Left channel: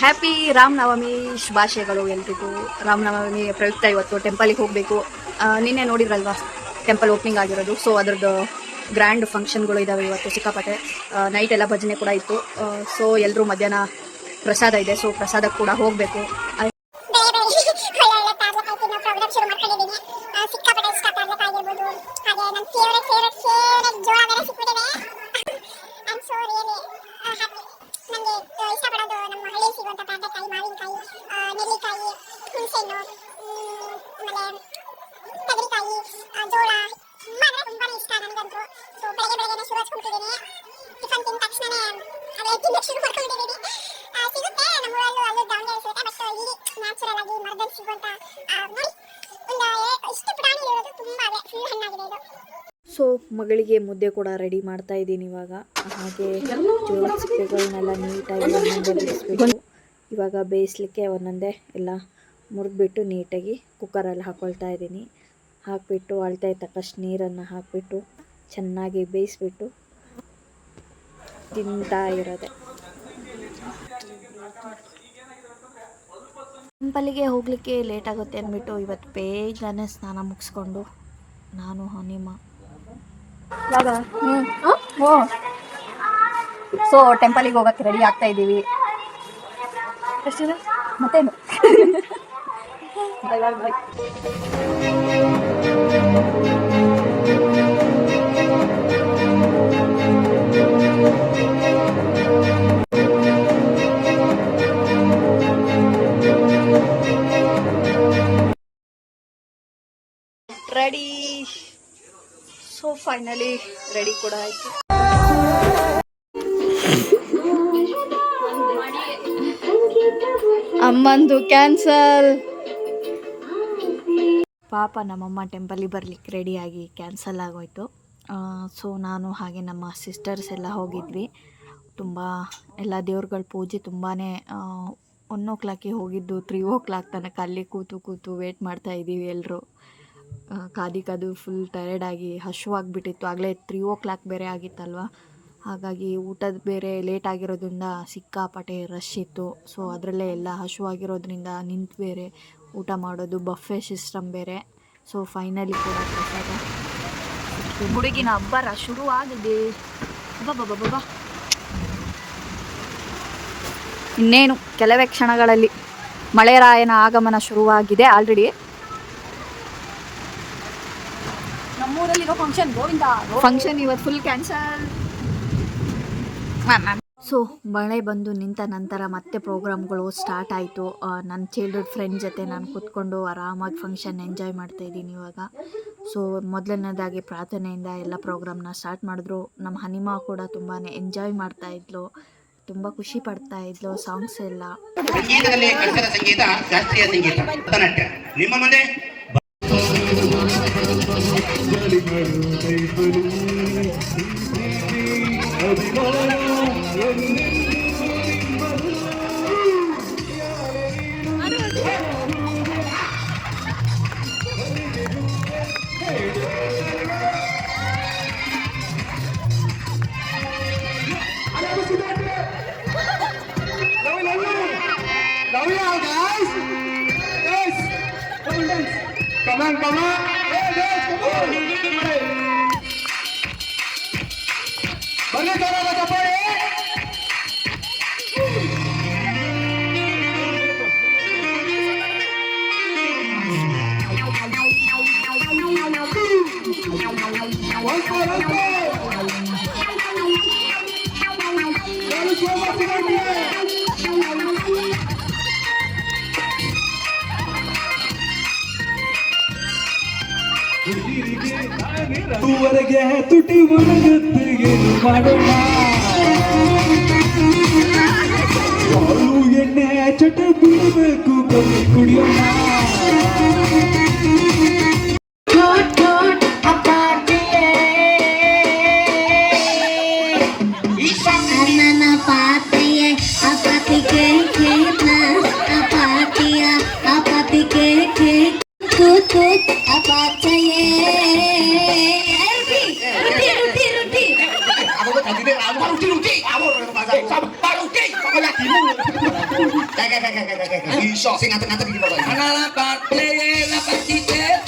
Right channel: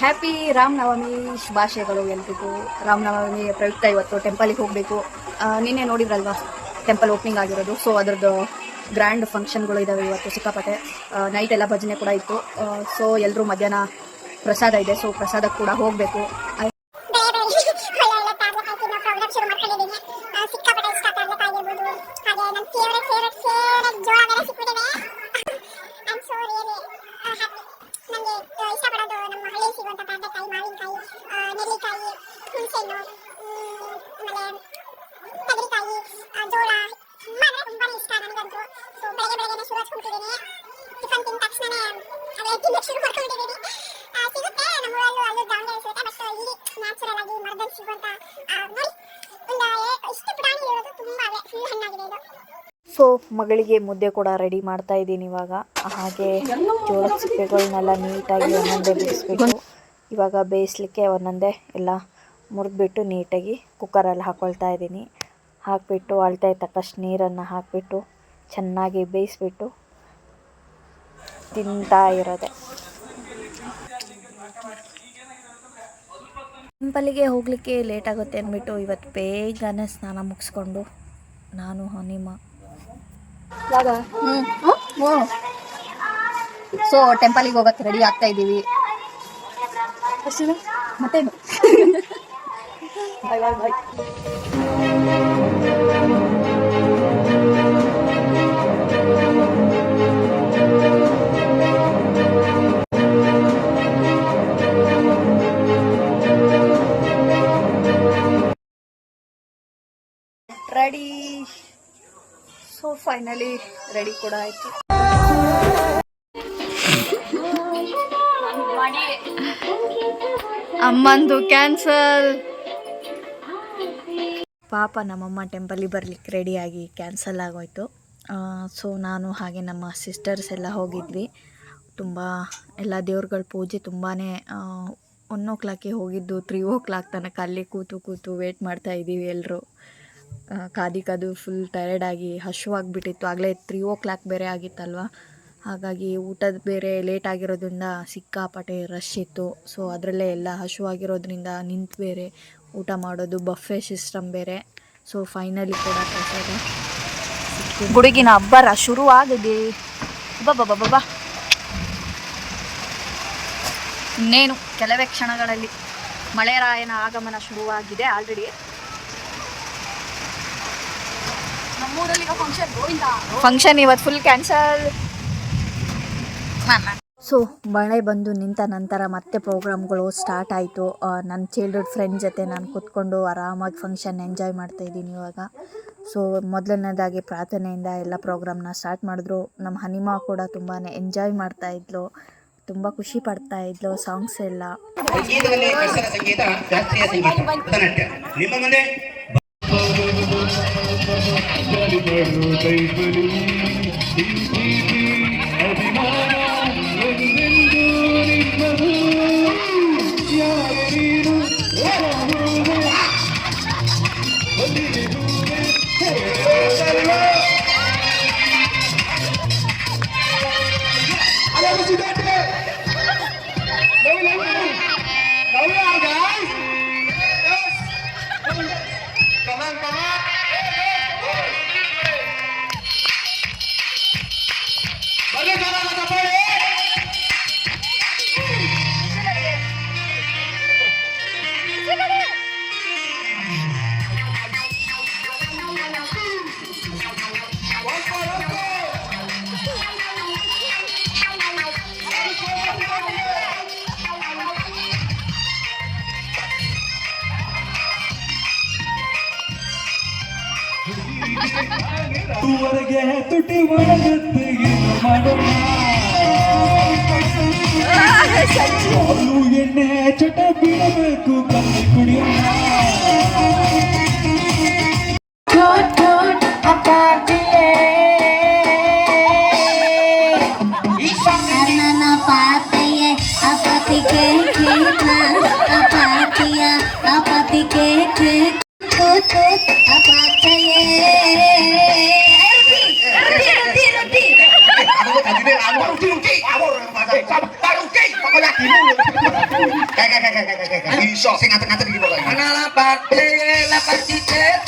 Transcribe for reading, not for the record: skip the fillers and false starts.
Happy Ramanavami ಶುಭಾಶಯಗಳು ಎಲ್ರಿಗೂ. ರಾಮನವಮಿ ಪ್ರಯುಕ್ತ ಇವತ್ತು ಟೆಂಪಲಿಗೆ ಹೋಗಬೇಕು. ನಿನ್ನೆ ನೋಡಿದ್ರಲ್ವಾ ಟೆಂಪಲ್ ಓಪನಿಂಗ್ ಆಗಿರೋದು. ಸೊ ಅದರದ್ದು ಗ್ರ್ಯಾಂಡ್ ಫಂಕ್ಷನ್ಗಳು ಇದ್ದಾವೆ ಇವತ್ತು ಸಿಕ್ಕಾಪಟ್ಟೆ. ನೈಟ್ ಎಲ್ಲ ಭಜನೆ ಕೂಡ ಇತ್ತು. ಸೊ ಎಲ್ಲರೂ ಮಧ್ಯಾಹ್ನ ಪ್ರಸಾದ ಇದೆ. ಸೊ ಪ್ರಸಾದಕ್ಕೆ ಕೂಡ ಹೋಗಬೇಕು. ನನಗೆ ಇಷ್ಟಪಡೋದು ನಮ್ಮ ಹಳ್ಳಿ ಸಿಗುವಂಥ ಪಾಂಡೆಕಾಯಿ, ಮಾವಿನಕಾಯಿ, ನೆಲ್ಲಿಕಾಯಿ, ಹುಣಸೆಹಣ್ಣು, ಆಮೇಲೆ ತೆಂಗಿನಕಾಯಿ, ಜೋಳ ತುಂಬಾನೇ ಇಷ್ಟ ನನಗಂತೂ. ಸೊ ಬೆಳಗ್ಗೆ ಶುರು ಹಚ್ಕೊಂಡಿದ್ದೀನಿ. ಟಿಫನ್ ತಿಂದ ತಕ್ಷಣನೇ ಅದೇ ತಿನ್ನಕ್ಕೆ ಶುರು ಮಾಡ್ಕೊಂಡಿದ್ದೀನಿ. ಸಿಗುತ್ತೆ ನಮ್ಮೂರಲ್ಲೂ, ಅಲ್ಲೂ ದಾವಣಗೆರೆ ಸಿಗುತ್ತೆ. ಬಟ್ ಇಲ್ಲಿ ನ್ಯಾಚುರಲ್ ಆಗಿ ಮರದಲ್ಲಿ ಸಿಗುವಂಥ ನೋಡಿ ಒಂದು ಇಷ್ಟು ಪ್ರಾಣಿ ಇರೋದು ತುಂಬ ಫುಲ್ ಹಣ್ಣಾಗಿದೆ ಇದು. ಸೊ ಮಗಳಿಗೆ ಮುದ್ದೆ ಕೂಡ ರೆಡಿ ಮಾಡ್ತಾ ಇದ್ದೀನಿ ಇವಾಗ. ಹಾಗೆ ಜೋಳದ ಸಿಪ್ಪೆಗಳನ್ನೆಲ್ಲ ನೀಟಾಗಿ ಒಂದೊಂದೇ ಬಿಡಿಸ್ಬಿಟ್ಟು ಇವಾಗ ಬೇಯಿಸ್ಲಿಕ್ಕೆ ಒಂದೊಂದೇ ಎಲ್ಲ ಮುರಿದ್ಬಿಟ್ಟು ನೀಟಾಗಿ ಕುಕ್ಕರಲ್ಲಿ ಹಾಕ್ಕೊಳ್ತಾ ಇದ್ದೀನಿ. ಹಾಕಿಬಿಟ್ಟು ಅಳತೆ ತಕ್ಕಷ್ಟು ನೀರನ್ನು ಹಾಕಿಬಿಟ್ಟು ಚೆನ್ನಾಗಿ ಬೇಯಿಸ್ಬಿಟ್ಟು ತಿಂತಾ ಇರೋದೆ. ಟೆಂಪಲಿಗೆ ಹೋಗಲಿಕ್ಕೆ ಲೇಟ್ ಆಗುತ್ತೆ ಅಂದ್ಬಿಟ್ಟು ಇವತ್ತು ಬೇಗನೆ ಸ್ನಾನ ಮುಗಿಸ್ಕೊಂಡು ನಾನು ಹನಿಮ ಸೊ ಟೆಂಪಲಿಗೆ ಹೋಗಕ್ಕೆ ರೆಡಿ ಆಗ್ತಾ ಇದ್ದೀವಿ. ಮತ್ತೇನು ರೆಡಿ. ಸೊ ಫೈನಲಿ ರೆಡಿ ಕೂಡ ಆಯ್ತು. ಅಮ್ಮಂದು ಕ್ಯಾನ್ಸಲ್. ಪಾಪ ನಮ್ಮಮ್ಮ ಟೆಂಪಲಿಗೆ ಬರಲಿಕ್ಕೆ ರೆಡಿಯಾಗಿ ಕ್ಯಾನ್ಸಲ್ ಆಗೋಯ್ತು. ಸೊ ನಾನು ಹಾಗೆ ನಮ್ಮ ಸಿಸ್ಟರ್ಸ್ ಎಲ್ಲ ಹೋಗಿದ್ವಿ. ತುಂಬ ಎಲ್ಲ ದೇವ್ರಗಳ ಪೂಜೆ ತುಂಬಾ 1 o'clock ಹೋಗಿದ್ದು 3 o'clock ತನಕ ಅಲ್ಲಿ ಕೂತು ವೇಟ್ ಮಾಡ್ತಾ ಇದ್ದೀವಿ ಎಲ್ಲರೂ. ಕಾದು ಫುಲ್ ಟಯರ್ಡಾಗಿ ಹಶುವಾಗಿಬಿಟ್ಟಿತ್ತು. ಆಗಲೇ 3 o'clock ಬೇರೆ ಆಗಿತ್ತಲ್ವ. ಹಾಗಾಗಿ ಊಟದ ಬೇರೆ ಲೇಟ್ ಆಗಿರೋದ್ರಿಂದ ಸಿಕ್ಕಾಪಟ್ಟೆ ರಶ್ ಇತ್ತು. ಸೊ ಅದರಲ್ಲೇ ಎಲ್ಲ ಹಶುವಾಗಿರೋದ್ರಿಂದ ನಿಂತು ಬೇರೆ ಊಟ ಮಾಡೋದು, ಬಫೆ ಸಿಸ್ಟಮ್ ಬೇರೆ. ಸೊ ಫೈನಲಿ ಕೂಡ ಪ್ರಸಾದ ಗುಡುಗಿನ ಅಬ್ಬರ ಶುರುವಾಗಿದೆ. ಬಾಬಾ ಇನ್ನೇನು ಕೆಲವೇ ಕ್ಷಣಗಳಲ್ಲಿ ಮಳೆರಾಯನ ಆಗಮನ ಶುರುವಾಗಿದೆ ಆಲ್ರೆಡಿ. ಫಂಕ್ಷನ್ ಇವತ್ತು ಫುಲ್ ಕ್ಯಾನ್ಸಲ್. ಸೊ ಮಳೆ ಬಂದು ನಿಂತ ನಂತರ ಮತ್ತೆ ಪ್ರೋಗ್ರಾಮ್ಗಳು ಸ್ಟಾರ್ಟ್ ಆಯಿತು. ನನ್ನ ಚೈಲ್ಡ್ಹುಡ್ ಫ್ರೆಂಡ್ ಜೊತೆ ನಾನು ಕೂತ್ಕೊಂಡು ಆರಾಮಾಗಿ ಫಂಕ್ಷನ್ ಎಂಜಾಯ್ ಮಾಡ್ತಾಯಿದ್ದೀನಿ ಇವಾಗ. ಸೊ ಮೊದಲನೇದಾಗಿ ಪ್ರಾರ್ಥನೆಯಿಂದ ಎಲ್ಲ ಪ್ರೋಗ್ರಾಮ್ನ ಸ್ಟಾರ್ಟ್ ಮಾಡಿದ್ರು. ನಮ್ಮ ಹನಿಮಾ ಕೂಡ ತುಂಬಾ ಎಂಜಾಯ್ ಮಾಡ್ತಾಯಿದ್ಲು, ತುಂಬ ಖುಷಿ ಪಡ್ತಾಯಿದ್ಲು. ಸಾಂಗ್ಸ್ ಎಲ್ಲ ಊವರೆಗೆ ತುಟಿ ಒಣಗುತ್ತಿಗೇನು ಮಾಡೋಣ, ಹಾಲು ಎಣ್ಣೆ ಚಟ ಬಿಡಬೇಕು, ಕಮ್ಮಿ ಕುಡಿಯೋಣ. Ruti. Kayak iso sing ngaten-ngaten iki pokoke. Ana lapak, lapak cicet,